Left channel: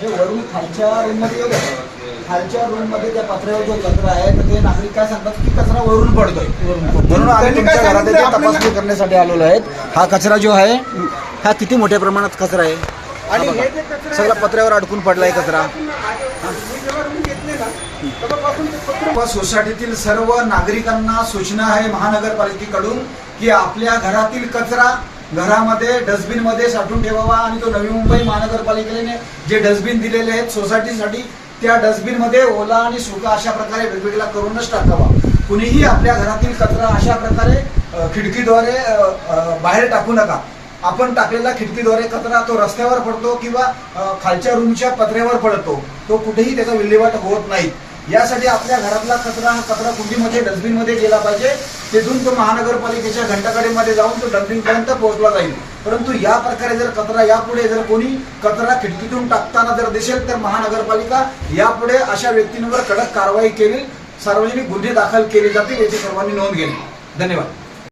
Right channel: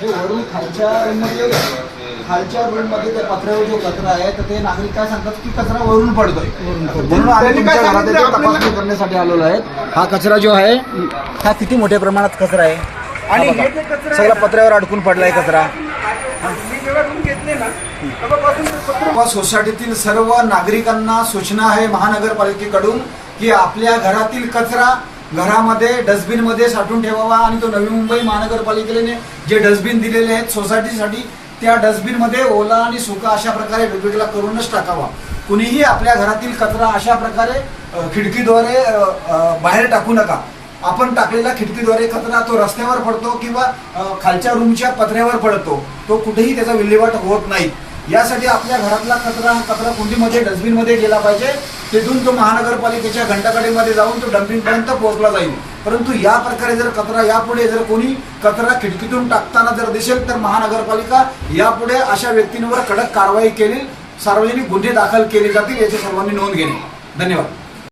जो वरून खालच्या रूममध्ये येऊ द्या. खालच्या रूममध्ये त्या पत्र्यावर जो कचरा आहे तर ते नागरिक काय सांगतात की कचरा वरून पडतोय. म्हणून आम्ही तुमच्या घरात इथे तपासणी करण्यासाठी आलेलो आहेत. हा कचरा जो आहे हा किती मोठ्या प्रमाणात कचरा आहे आणि सगळा पत्र्यावर अडकून पडलाय कचरा. सोसायटीतील सर्व नागरिकांना सूचना आहे महानगरपालिकेकडून की आपल्या घरातील कचरा घरामध्ये डस्टबिन मध्ये साठवून ठेवावा आणि तो नवी मुंबई महानगरपालिकेने जे डस्टबिन दिलेले आहेत सोसायटीसाठी त्या डस्टबिन मध्ये ओला आणि सुका अशा प्रकारे वेगवेगळा करूनच टाकावा. कुणीही आपल्या घरातील कचरा अशा प्रकारे खिडकीद्वारे बाहेर टाकू नका. आपण टाकलेला खिडकीद्वारे कचरा तो रस्त्यावर पडतो किंवा खालच्या रूमच्या पत्र्यावर पडतो. तो कुठेही त्याचा विल्हेवाट होत नाही. यासाठी आपल्या घरातला कचरा कुंडीमध्ये डस्टबिनमध्ये गेला पाहिजे. तिथून तो महानगरपालिकेच्या घंटागाडीमध्ये जाऊन तो डम्पिंग पर्यंत पोहोचला जाईल. परंतु या प्रकारे जर कचरा यापुढे जर कोणी कचरा खिडकीतून टाकताना जर दिसेल तर महानगरपालिका यापुढे अशा व्यक्तींवर कडक कारवाई केली, सार्वजनिक गुन्हे दाखल केले जातील याची सर्वांनी नोंद घेणे. धन्यवाद.